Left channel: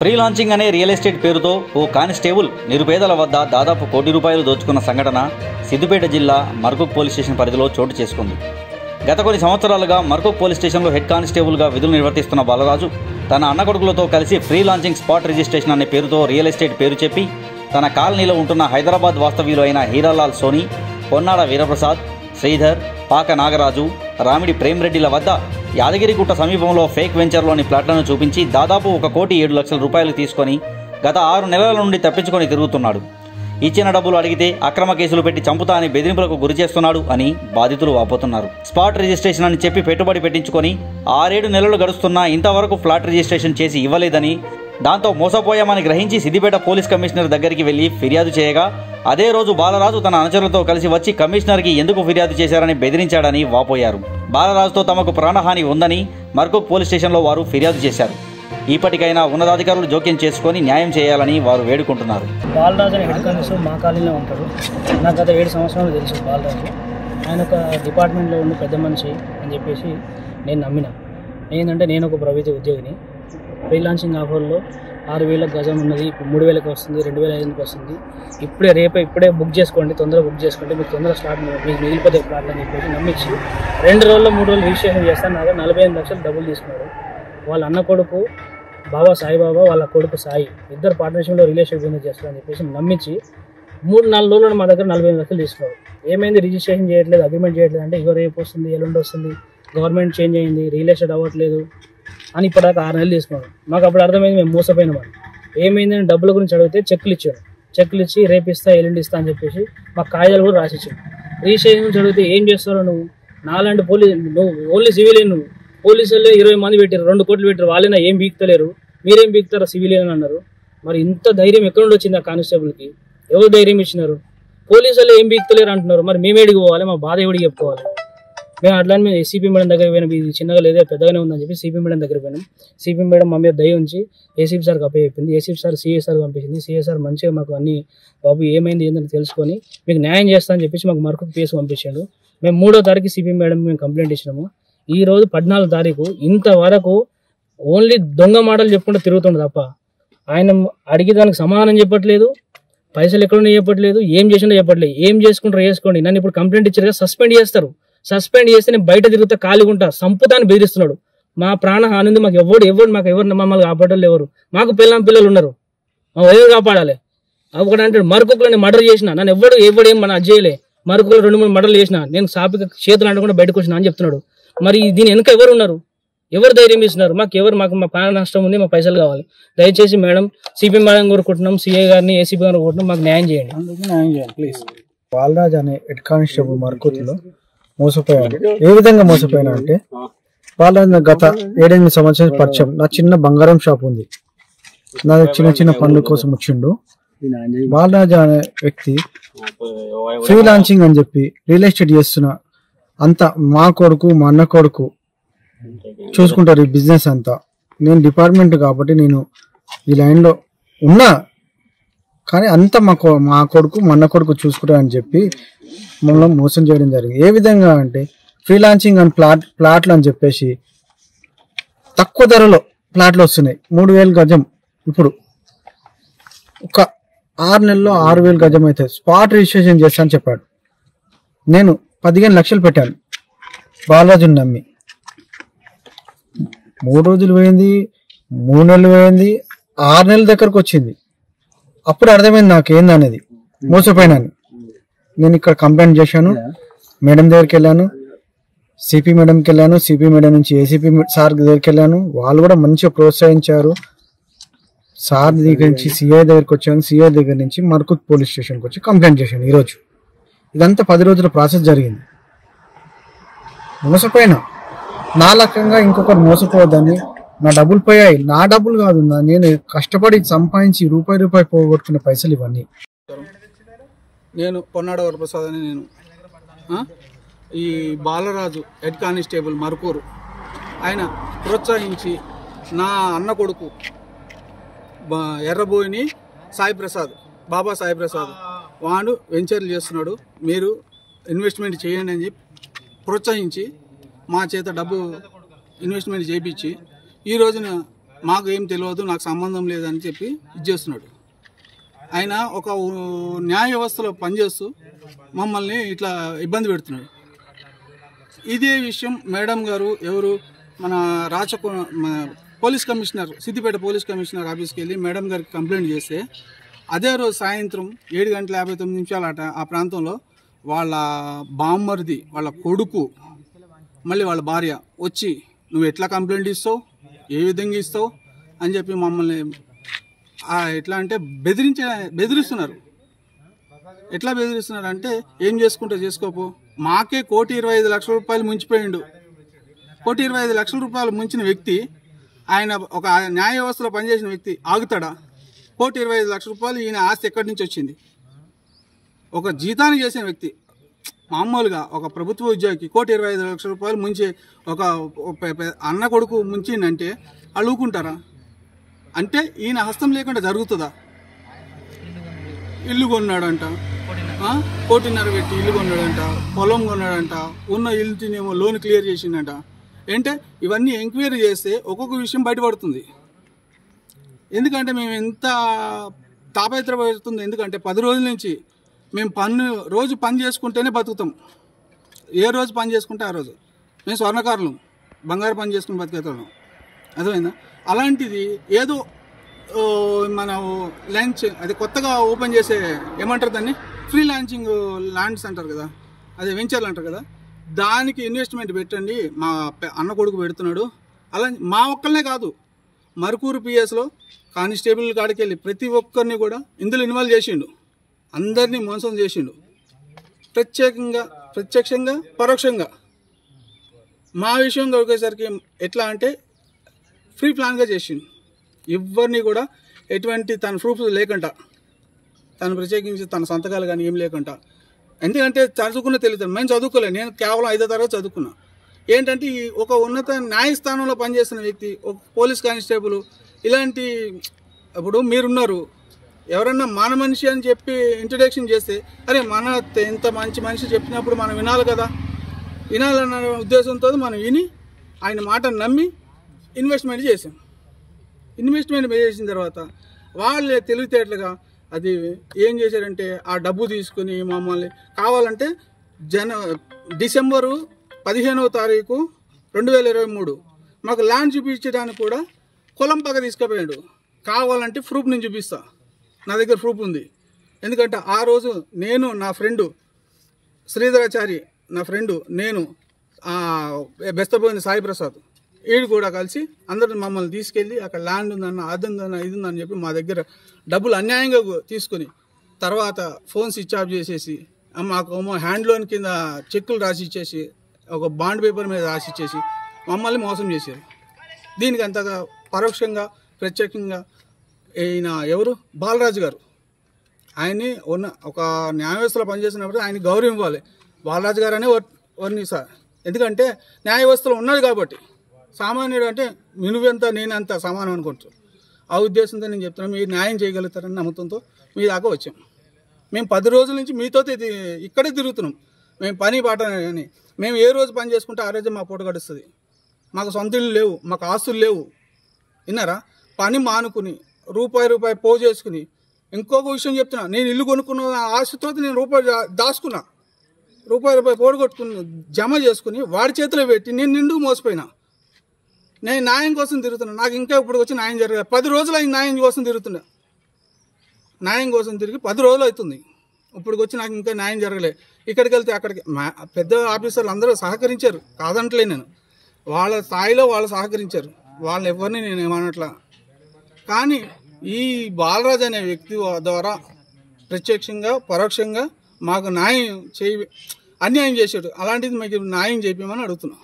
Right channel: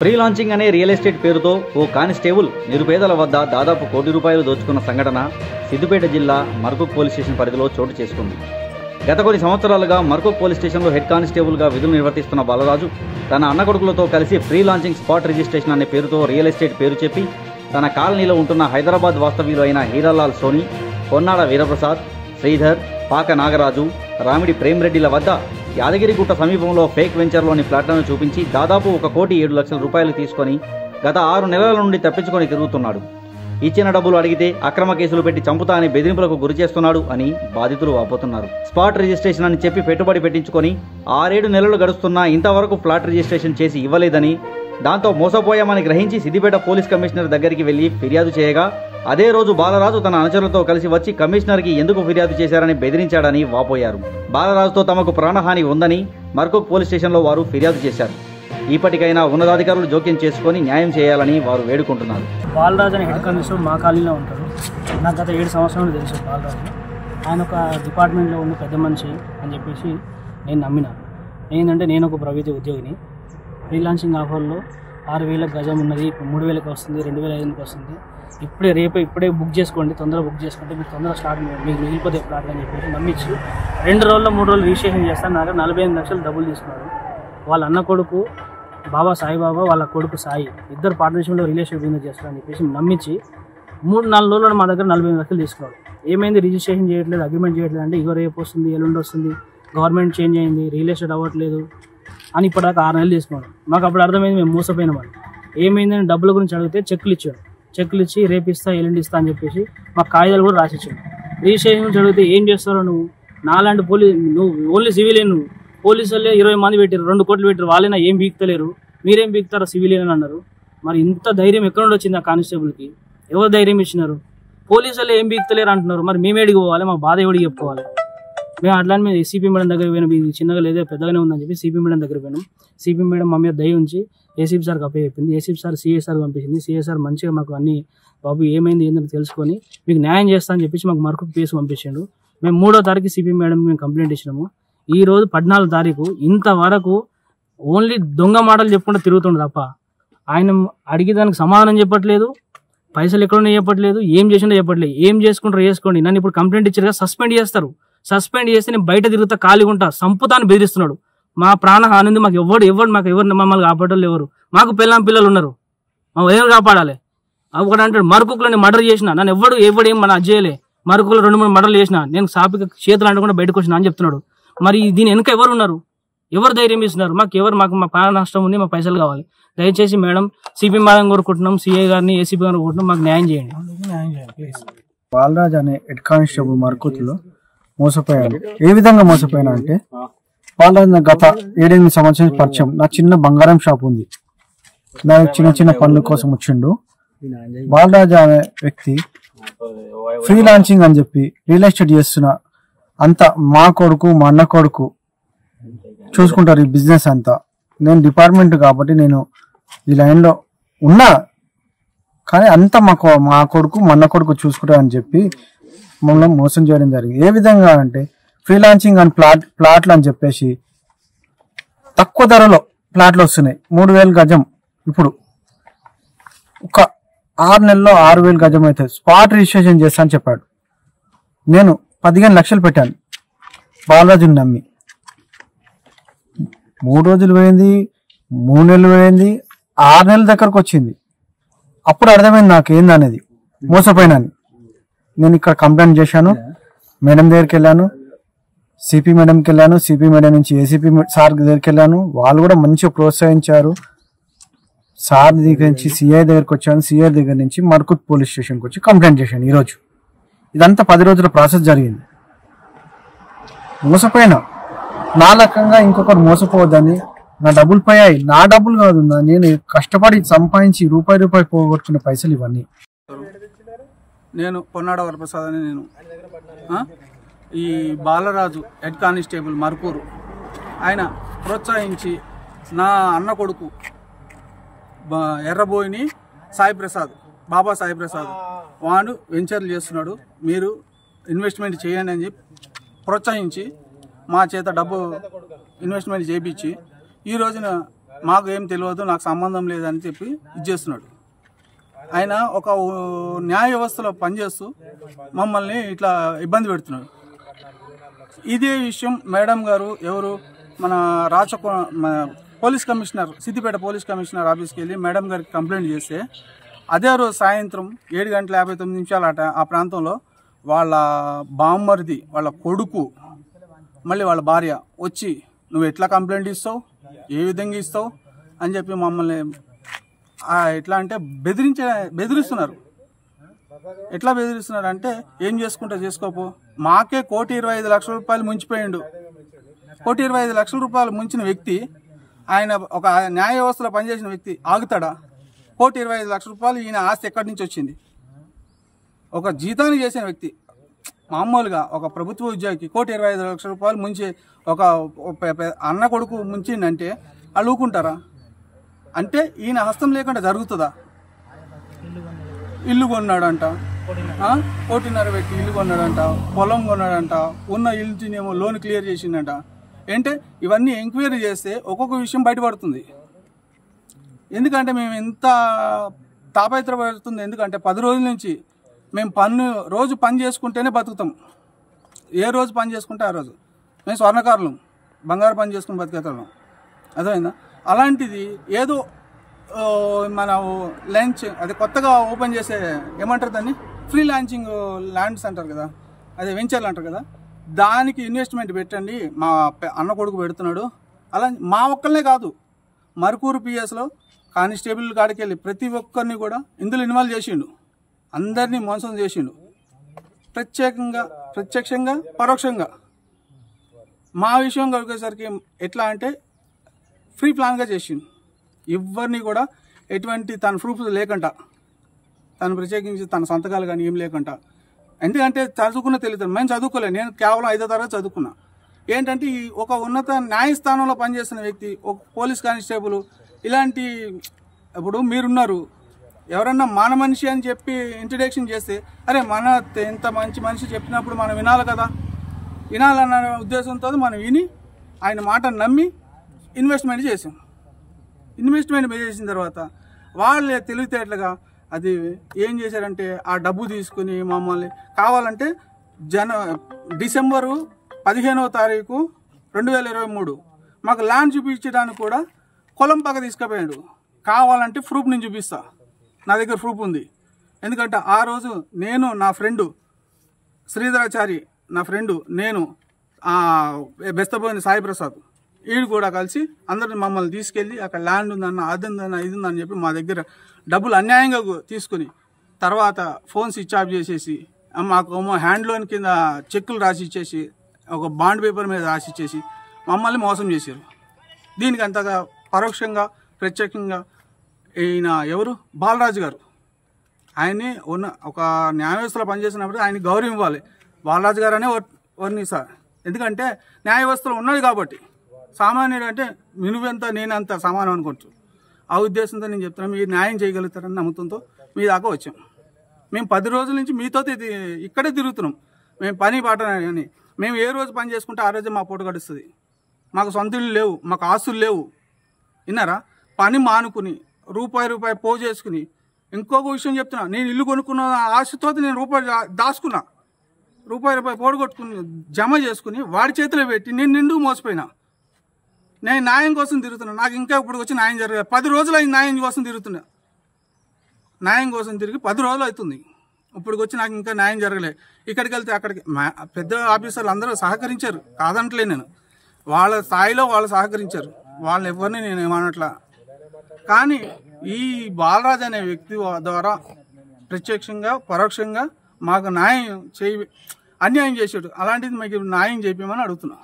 Free launching అనే real estate పేరుతో ఓ constable నిరుపేదల వద్ద దాదాపు ₹1 కోటి దోచుకున్న సంఘటన సిద్దిపేట జిల్లా మర్కూక్ పోలీస్ స్టేషన్ పరిధిలో చోటు చేసుకుంది. గత కొన్ని సంవత్సరాలుగా మర్కూక్ పోలీస్ స్టేషన్లో హెడ్ కానిస్టేబుల్గా విధులు నిర్వర్తిస్తున్న బాలరాజు తన అన్న కొడుకులతో కలిసి ఫ్రీ లాంచింగ్ స్పాట్ రిజిస్ట్రేషన్ అనే పేరుతో రియల్ ఎస్టేట్ పేరు చెప్పి తన కాలనీలో ఉంటున్న హైదరాబాద్ వాస్తవ్యులు అయిన హీరాలాల్ సోని, పొన్నాడ వీరప్రసాద్, శ్రీధర్, పాక నాగరాజు, రామిడి ప్రేమ్రెడ్డిల వద్ద యాదగిరిగుట్ట సమీపంలో ఫేక్ వెంచర్లోని ప్లాట్లను చూపించి దాదాపు ₹1,07,00,000 తీసుకొని గత 6 నెలల నుండి తప్పించుకొని తిరుగుతున్నాడు. ఇచ్చిన డబ్బులు అడిగితే అక్రమ కేసులు పెట్టి చంపుతా అని బెదిరింపులకు గురి చేస్తున్నాడు అని బాధితులు వాపోతున్నారు. స్పాట్ రిజిస్ట్రేషన్ అని చెప్పి పెట్టుబడి పెట్టించుకొని 6-7 నెలలు గడుస్తున్నా ఇంతవరకు ఫ్లాట్ రిజిస్ట్రేషన్ చేసి ఇవ్వలేదని, దాంతో మోసపోయామని గ్రహించి సిద్దిపేట పోలీస్ కమిషనర్ దగ్గరికి వెళ్లి ఫిర్యాదు చేయగా అదే రోజు బాలరాజు తన అనుచరులతో కలిసి వచ్చి కమిషనర్కి ఎందుకు ఫిర్యాదు చేశారని బెదిరించాడని వాపోయారు. బాలరాజుతో తమకు ప్రాణహాని ఉందని మర్కూక్ పోలీస్ స్టేషన్లో వారు ఫిర్యాదు చేశారు. ఇప్పటికైనా ఉన్నతాధికారులు జోక్యం చేసుకొని న్యాయం చేయాలని వారు వేడుకుంటున్నారు. బాలరాజు అని హెడ్ కానిస్టేబుల్ మా కాలనీలో ఉంటారు. నాకు గత 7 సంవత్సరాలు తెలుసు బాలరాజు. ఆయన ఒక డిపార్ట్మెంట్లో ఉండి పెద్ద మనిషి అని చెప్పేసి నేను నమ్మిన. ఏంటంటే నేను ఒక ప్రైవేట్ ఉద్యోగిని. ఫ్రీ లాంచింగ్ ఆఫర్లో 6,000 గజం ఉన్నది, ఇప్పుడు 3,000కి వస్తుంది, 2,500కి వస్తుంది. ఇప్పుడే బుక్ చేసుకోండి, తొందరగా బుక్ చేసుకుంటే మీకు తొందరగా స్టార్ట్ మీకు మిగిలిపోతే ప్రాబ్లం అని చెప్పేసి నమ్మించి 2 రోజుల్లో 3 రోజులు రిజిస్ట్రేషన్ చేస్తాను. నాకు 45 లక్షలు డబ్బులు తీసుకున్నాడు. వాళ్ళ అన్న కొడుకు బాబా సాయిబాబా, వాళ్ళ కొడుకు సాయి, ఇద్దరు పార్ట్నర్షిప్లో రిలేషన్ బిజినెస్ చేస్తారని చెప్పేసి నమ్మించి 3-4 రోజుల్లో మా దగ్గర 45 లక్షలు తీసుకున్నాడు. ఏమైంది, రిజిస్ట్రేషన్ చేయట్లేదు, అగ్రిమెంట్ చేయట్లేదు అంటే ఇగో రేపు వస్తుంది, ఎల్లుండి వస్తుంది, గవర్నమెంట్ చేంజ్ అయింది, రియల్ ఎస్టేట్ అవ్వట్లేదు అని ఇప్పటిదాకా 6 నెలలు తీసుకున్నాడు. మాకు అప్పుడు అర్థమైంది మేము మోసపోయినామని. ఏమైందని డబ్బుల గురించి అడిగితే చెక్కులు ఇచ్చాడు. చెక్కులు ఇచ్చి రేపు ఇస్తా, ఎల్లుండి ఇస్తా అని చెప్పేసి మాకు కాగితాలు కూడా రాసిచ్చాడు. రిజిస్ట్రేషన్ గురించి అడిగితే ఏం చేస్తారో నాలాంటి నువ్వు ఓన్లీ సివిలియన్, నువ్వు పోలీసులు 20 మంది పెట్టారు, 2 కోట్లు పెట్టారు, వాళ్ళైనా ఏం బీక్తలేరు, మీరేం బీక్తారో సివిలియన్ అని అన్నారు. మరి ఇంత ధైర్యం ఎక్కడ నుండి వచ్చింది ఆ కానిస్టేబుల్కి? ఎవరు ధైర్యం ఇచ్చినారు? పోలీసులు ఏం బీక్తలేరు అంటున్నారు. మరి మేము ఏడికి పోవాలి? మా బాధ ఎవడికి చెప్పుకోవాలి? మేము అట్లానే మేము ఏసీపీ మేడం దగ్గర పోయినాం. ఇది చిన్నగా లేదా పెద్దగానే ఉందని చెప్పి సిపి మేడం దగ్గర పోయినాం. సిపి మేడం మా మీద దయ ఉంచి ఏసీపీ సార్కి అప్పచెప్పింది. ఏసీపీ సార్ సిఏ సార్ పంపించింది. సిఏ సార్ మంచిగా మాకు అన్ని బాబు ఏమైంది ఏంటని తెలుసుకొని మీకు న్యాయం చేస్తా అని చెప్పేసి మాకు మరొక కేసు పంపించాడు. మేము 3వ తారీఖు సిపి మేడం మేము కంప్లైంట్ ఇచ్చినాము. ఈ రోజు 14వ తారీఖు ఇంతవరకు ఓన్లీ దొంగ మాటలు చెప్పుకుంటూ తిరుగుతుండే తప్ప ఆయన అడిగి దానికి సమాధానం చెప్పట్లేదు, పైసలు ఎక్కడున్నా చెప్పట్లేదు, ఏం చేసిందో చెప్పట్లేదు. ఏం చేసుకుంటారో చేసుకోండి, నన్ను ఇప్పుడు కంప్లైంట్ ఇచ్చారు కదా, సస్పెండ్ చేస్తారు. సస్పెండ్ చేస్తే నేను బయట తిరుగుతా, ఖాళీగా ఉంటా, సంపుతాన్ని బెదిరిస్తున్నాడు. మా ప్రాణ హాని మాకు ఎవరు మమ్మల్ని కాపాడాలి? ఎవరు? మాకు పిల్లలు ఉన్నారు, మా ఎవరు కాపాడాలి? ఒకటి అంటాడు మరొకలో నేను మర్డర్ చేసిన, నన్ను ఎవడు ఏం మన అజ్జేయలే, మరొకలో 2-3 మర్డర్లు చేసిన, నేను సాపిక చేతులు అంటకుండా బయటకు వచ్చినా అని చెప్తున్నాడు. మరి దీని వెనుక ఎవరు ఉన్నారు? ఎవరు ధైర్యం ఇస్తున్నారు? మాకు మా ప్రాణ నష్టం ఉంది, మా పైసలు కావాలి. దయచేసి మేడం, సిపి మేడం కోరుకుంటున్నాం, సిఐ గారిని, ఏసీపీ గారిని కోరుకుంటున్నాం, మాకు న్యాయం చేయండి, ప్లీజ్. బాలరాజ్ అనే హెడ్ కానిస్టేబుల్ మర్కూక్లో మోసపోయాను. ఏ విధంగా మోసపోయాను అంటే, బాలరాజ్ గత 7-8 సంవత్సరాల పరిచయం. నా చిన్న బంగారం షాప్ ఉంది, నా చిన్న పనుల కోసం వచ్చిండు. బాలరాజ్ అనే వ్యక్తి ఫ్రీ లాంచింగ్ అని చెప్పి రియల్ ఎస్టేట్ చేస్తున్నా, అంతా మా కొడుకు మా అన్న కొడుకు చూసుకుంటారు ఈ బిజినెస్ అంతా. నేను డిపార్ట్మెంట్ కాబట్టి నేను ఈ లైన్లో ఉన్నా, కానీ అంతా మా కొడుకు మా అన్న కొడుకు చూసుకుంటారని చెప్పి మమ్మల్ని మోసం చేయడం జరిగింది. ఏ విధంగా అంటే, ఫ్రీ లాంచింగ్ అని ప్లాట్లు అని చెప్పేసి తక్కువ ధరలో ప్లాట్లు వస్తున్నాయి. 3,000 గజం ఇప్పుడు ఒక 6 నెలల్లో 6,000 గజం అయితే స్పాట్ రిజిస్ట్రేషన్ చేస్తా అని చెప్పాడు. నేను 15 లక్షలు పెట్టాను బాలరాజుని నమ్మి. 3 రోజులు పోయింది, 3 నెలలు పోయింది, 6 నెలల దగ్గరకు వచ్చింది. అప్పుడు అర్థమైంది నాకు ఏందనేది, మోసపోయినాను. నేను ఇక్కడ కంప్లైంట్ చేశాను, మేడం దగ్గరికి వెళ్ళాను, సిపి మేడంకి వెళ్ళాను, సిపి మేడం నుంచి ఏసీపీ సార్ దగ్గరికి వెళ్ళాను. వాళ్ళు కూడా మంచిగా ప్రోత్సహించారు. సార్ దగ్గర నుంచి సిఐ దగ్గరికి వచ్చాను, సిఐ దగ్గర నుంచి మర్కూక్ పోలీస్ స్టేషన్కి వచ్చి కంప్లైంట్ చేశాను. ఈరోజు ఇదంతా 10 రోజుల ప్రాసెస్ జరిగింది. మోసపోయినా నా లక్కంగా ఇంకొకరు మోసపోవద్దని. నా డబ్బులు పోయాయి, నా డబ్బులు కాదు, నేను కష్టపడి సంపాదించి రూపాయి పోగొట్టుకునే పైసలు ఇవన్నీ. నేను పొన్నాడ వరప్రసాద్ అని నేను ఈ బాలరాజు హెడ్ కానిస్టేబుల్ మర్కూరు ఆయన ప్రోత్సహించి నా అన్న కొడుకు ఎర్రబోయిని సాయిప్రసాద్, బాబా సాయిప్రసాద్, వాడు వెంచర్లు చేస్తున్నాడు, మీరు ఇన్వెస్ట్మెంట్ చేయండి అని చెప్పి ప్రోత్సహించి మా చేత డబ్బు ఇన్వెస్ట్మెంట్ చేయించి ఈ రోజున మాకు ఏం తెలియదు, నాకు సంబంధం లేదని చెప్పి చేస్తున్నాడు. ఆయన ఒక న్యాయ వ్యవస్థలో పనిచేస్తూ మమ్మల్ని ఇట్లా ఇబ్బంది పెడుతున్నాడు. ఇదే విషయం మేడం గారు ఎవరు మన police commissioner, Siddipet police commissioner ఆఫీస్కి వెళ్ళి మేడం గారికి కంప్లైంట్ చేస్తే అదే రోజు సాయంత్రం 7:59 ఆ ప్రాంతంలో వాళ్ళ బామ్మరిది, వాళ్ళ కొడుకు, మళ్ళీ వాళ్ళ భార్య వచ్చి నువ్వు ఎట్లా కంప్లైంట్ ఇస్తావు, ఏ విధంగా ఇస్తావు అని చెప్పి మమ్మల్ని ఎట్లా అంటే బెదిరిస్తున్నారు. ఎట్లా బెదిరిస్తున్నారు అంటే ఏం చేసుకుంటా చేసుకోపో, మాకే 1,25,00,000 రూపాయలు ముంచిపోయిండు. 1,25,00,000 రూపాయలు ముంచిన వ్యక్తి, ఆయన ఒక న్యాయ వ్యవస్థలో పనిచేసిన వ్యక్తి ఆగుతాడా? 1,25,00,000 రూపాయలు ఈయన ఆస్తి ఎక్కడి నుంచి వచ్చింది? ఒక జీతాన్ని చేసిన వ్యక్తి, మామూలుగా ఒక ప్రభుత్వ ఉద్యోగికి 1,25,00,000 రూపాయలు ముంచి ఒక అన్న కొడుకు ముంచిందంటే అడుగుకుంటారా? అంటే ఈయన హస్తం లేకుండా జరుగుతుందా? ఇల్లు కొన్నాడంట, 1,500,00,000 పెట్టి ఇల్లు కొన్నాడంట, పొలం కొన్నాడంట, ఉన్న ఇల్లునేమో లోన్ క్లియర్ చేసిండంట. అంటే ఇవన్నీ ఎంక్వైరీ చేస్తే ఒక్కొక్క విషయం బయటపడుతుంది. ఎందుకంటే మేము ఎంత తాపత్రపడుతుంది, ఎందుకంటే 10 రోజుల నుంచి మేము రోజు పని చేసుకుంటేనే బతుకుతాం. ఏ రోజు పని చేసుకుంటే ఆ రోజు మేము స్వర్ణకారులం, బంగారు పని చేసుకుని బతికేతాం. అర్థమైందా? అలాంటిది ఏదో మన లంచ్ అది కొత్తగా ఓపెన్ చేసే ఏమంటారు దాన్ని, ఫ్రీ లాంచింగ్ ల్యాండ్స్ అంటారు కదా, అదే వెంచర్లు అంటారు కదా, దానికి ఇన్వెస్ట్మెంట్ పెట్టండి మా అన్న కొడుకు పెడుతున్నాడు. అలా మా ఒక్కరినే కాదు, మరుకూరు పిఎస్లో కానిస్టేబుల్ కాడికి వెళ్ళి ప్రతి ఒక్కరిని కూడా ఇందులో ఇన్వాల్వ్ చేసిండు, అందరినీ మోసం చేసిండు, ప్రత్యక్షంగా పరోక్షంగా. మా విషయంగా వచ్చేసరికి ఎట్లా అంటే ఫ్రీ ప్లాన్గా చేసిండు, ఎవరిని కూడా ఎటువంటి తన ప్రూఫ్స్ లేకుండా, తను ప్రత్యేకించి తన సంతకాలు కానీ ఏం లేకుండా. ఎందుకంటే చదువుకున్న తెలియదు, మేము చదువుకోలేదు, నేను కేవలం 5వ తరగతి చదువుకున్నా. ఏంటంటే ఒక ఉన్నత న్యాయస్థానంలో పనిచేస్తున్న వ్యక్తి, ఒక పోలీస్ కానిస్టేబుల్, ఇలాంటి ఇప్పుడు మీరున్నారు, ఎవరన్నా మన మనిషి అని చెప్పి ఇంట్రడక్షన్ చేస్తే అరే మన ఎంత మంచి మనిషి చెప్పినప్పుడు మనం వినాలి కదా, వినాలన్న ఉద్దేశంతో మనం విని ఆయన మాటను నమ్మి ఇన్వెస్ట్మెంట్ చేసాం. ఇన్వెస్ట్మెంట్ చేసిన తర్వాత వాళ్ళు తెలివితేటలుగా అది ఏం చేశారంటే ఆ డబ్బు తీసుకుని మమ్మల్ని కావాలంటే డిసెంబరు 15వ తారీఖు 2023 మాకు ల్యాండ్ చూపించడానికి కూడా కొలంపాక తీసుకుపోయాడు. కావాలంటే ప్రూఫ్ నేను చూపిస్తా, నా దగ్గర ప్రూఫ్ ఉంది. ఎందుకంటే ఆ రోజు నేను, నా ఫ్రెండు శ్రీధరాచారి, నా ఫ్రెండు, నేను, బెస్తపోయిన సాయి ప్రసాద్, వీడు కూడా కలిసి అందరూ మమ్మల్ని తీసుకెళ్ళి అక్కడ ల్యాండ్ ఉందన్న, అది ఉందన్న, ఇది ఉందని చెప్పి మా దగ్గర డబ్బులు అన్యాయంగా తీసుకుని తర్వాత ఫోన్ స్విచ్ ఆఫ్ చేసేసి మాకు హ్యాండ్ లోన్ కింద చెక్కులు రాసి ఇచ్చేసి ఒక బాండ్ పేపర్ మీద రాసి ఇచ్చేసి మమ్మల్ని మోసం చేశారు. దీనికి అంతగా పరోక్షంగా ప్రత్యేకంగా ఈయన ఎవరు బాలరాజు గారు, ఆయన్ని ఒక న్యాయ వ్యవస్థలో పనిచేసినప్పుడు ఆయన గౌరవం ఇవ్వాలి. బాలరాజు గారు అనే వర్ణిస్తారు, ఎందుకంటే న్యాయ వ్యవస్థలో ఉన్నది కాబట్టి. సామాన్యుడు అంటే నువ్వెంత నేనంత సమానం అనుకుంటారు. ఆ ఉద్దేశంతో నేను చెప్తున్నాను, మీరు న్యాయం చేయగలుగుతారని నమ్మకంతో మీ దాకా వచ్చాం. మేము 10 రోజుల నుంచి మీతో ఇక్కడే తిరుగుతున్నాం. మేము పని పాట కానీ మేము ఏ రోజు పని చేసుకుంటే ఆ రోజే మా పూట గడుస్తుంది. మాకు సొంత ఇల్లు లేవు, మాకు ఆస్తులు లేవు. విన్నారా? పని మానుకుని రూపాయి పోగు చేసుకుని, ఇంకొక విషయం చెప్తున్నా, నేను ఇల్లు కొనుక్కున్న ఆశతో నేను దాచుకున్నా, రూపాయి పోడగొట్టుకుని జమ చేసుకుని వాడి చేతిలో పెట్టి నేను నిండుకు మోసపోయినా. నేను న్యాయం కోసం తిరుగుతున్నా, నాకు ఇంకా ఇప్పుడు వచ్చి న్యాయం జరగలేదు. 10 రోజులు అయింది న్యాయం కోసం తిరుగుతున్నా. న్యాయం కోసం తిరిగి 10 రోజులు అవుతుంది, ఇప్పుడు వచ్చి నాకు ఇంకా న్యాయం జరగలేదు. ఇక్కడికి వెళ్తే అక్కడికి పెద్ద ఆఫీసర్లు అందరూ సహకరించారు, కాదంటలే నేను, వాళ్ళ స్థాయిలో వాళ్ళు సహకరించారు, వాళ్ళు ఎవరిని నేను ఏమనట్లా. కానీ ఈ బాలరాజు అనే వ్యక్తి ద్వారా ప్రత్యక్షంగా పరోక్షంగా మాకు అన్యాయం చేశాడు. అలాంటిది మీకు న్యాయం చేయమని అడుగుతున్నాం.